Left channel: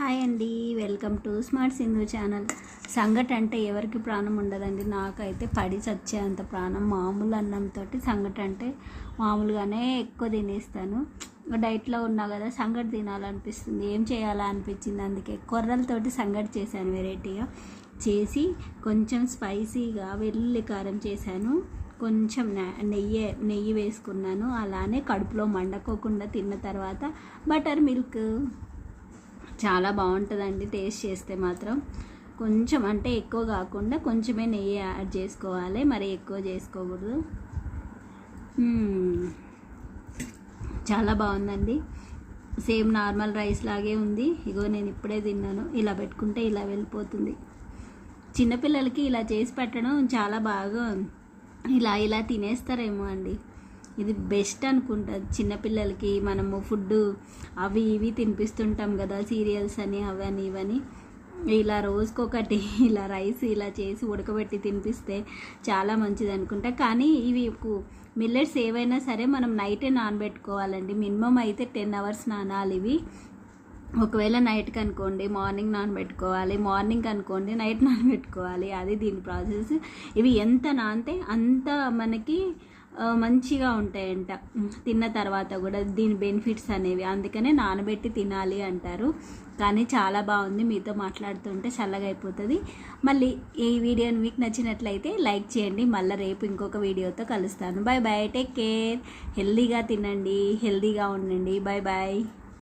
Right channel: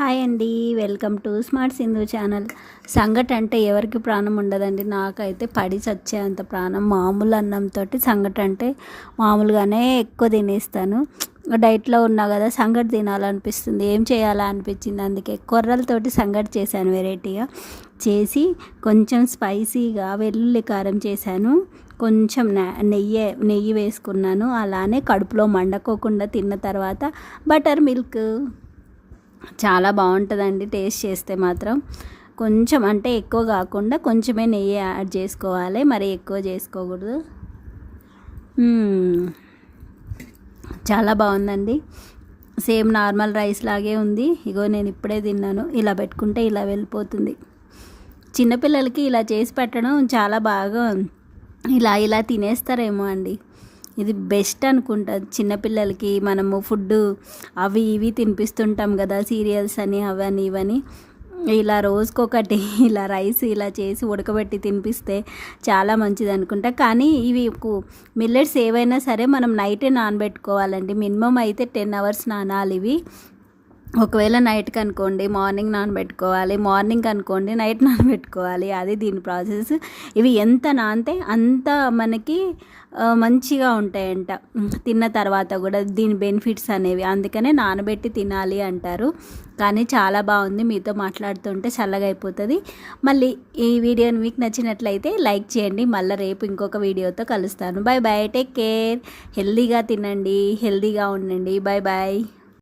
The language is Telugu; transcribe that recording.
హాయ్ అండి, welcome to smart Sindhu channel. సంగటి అంటే ఎవరికి ప్రాణం ఉండదండి. నాకైతే పడి చచ్చేంత ప్రాణం. మామూలు అన్నంతో సంగటి అంటే మామూలుగానే ఎక్కువ తినేస్తాను. డైట్లో ఉన్నా కదా, సంగటి తినాలనిపిస్తుంది. ఏం చేయాలా అనిపించింది, అందుకే కొర్రలతోటి సంగటి చేశాను. వెరైటీగా చేసి కొంచెం స్పైసీగా వెల్లుల్లి కారం చేశాను. కొంచెం నెయ్యి వేసుకున్నాను. అలానే కడుపులో మండకోకుండా తిన్న తర్వాత బటర్ మిల్క్ చాలా బాగుంటుందండి. టేస్ట్ చేస్తే మాత్రం కొంచెం, అంటే ఎక్కువ కాకుండా కొంచెమే నెయ్యి యాడ్ చేసుకోవాలి, మరి ఎక్కువ చేసుకోకూడదు. చాలా బాగుందండి. సేమ్ నార్మల్ రైస్ లాగే ఉంది. ఇగో నేను ఇప్పుడే తిన్నాను. ఇలా పెట్టుకుంటే ఇలా వెళ్ళిపోతుంది. చిన్నపిల్లలకి ఇలా చేసి పెట్టడం చాలా బాగా ఇలా తినేస్తారేమో అండి. ఇది బెస్ట్ అనుకుంటా. చిన్నపిల్లలకి మనము ఫుడ్ అవి ఇవి తినిపిస్తుంటాం కదా, సీరియల్స్ అని అవని ఇవని. ఇలా రోజుకొకటి ఇలా రైస్ ఇలా చేసి ఉడకబెట్టి తినిపిస్తే చాలా మంచిది అనుకుంటా. కానీ ఇవి మిల్లెట్స్ ఏవైనా సరే మనం నైటే నానబెట్టుకోవాలండి. మినిమం అయితే 10 hours నానాలి ఇవి. ఒకవేళ నైట్కి అనుకోండి మార్నింగ్ నానబెట్టుకోవాలి, మార్నింగ్ అనుకోండి నైట్ నానబెట్టుకోవాలి. అది దీని ప్రాసెస్. ఇవి ఎంత నానితే అంత మనకి మంచిగా ఉంటాయంట తిన్న తర్వాత కూడా, దీని బెనిఫిట్స్ అనేవి. అందుకనే నానబెట్టి తినాలి అంటారు. కానీ చాలా బాగుంది. మీతో మాట్లాడుతుంటే చల్లగా అయిపోతుంది. మళ్ళీ ఈ వీడియోని మీకు నచ్చినట్లయితే లైక్ చేయండి. మళ్ళీ రేపు ఇంకొక వీడియోతో కలుస్తాను. Bye bye, take care. హెల్దీగా తినండి, హెల్దీగా ఉండండి. Bye bye.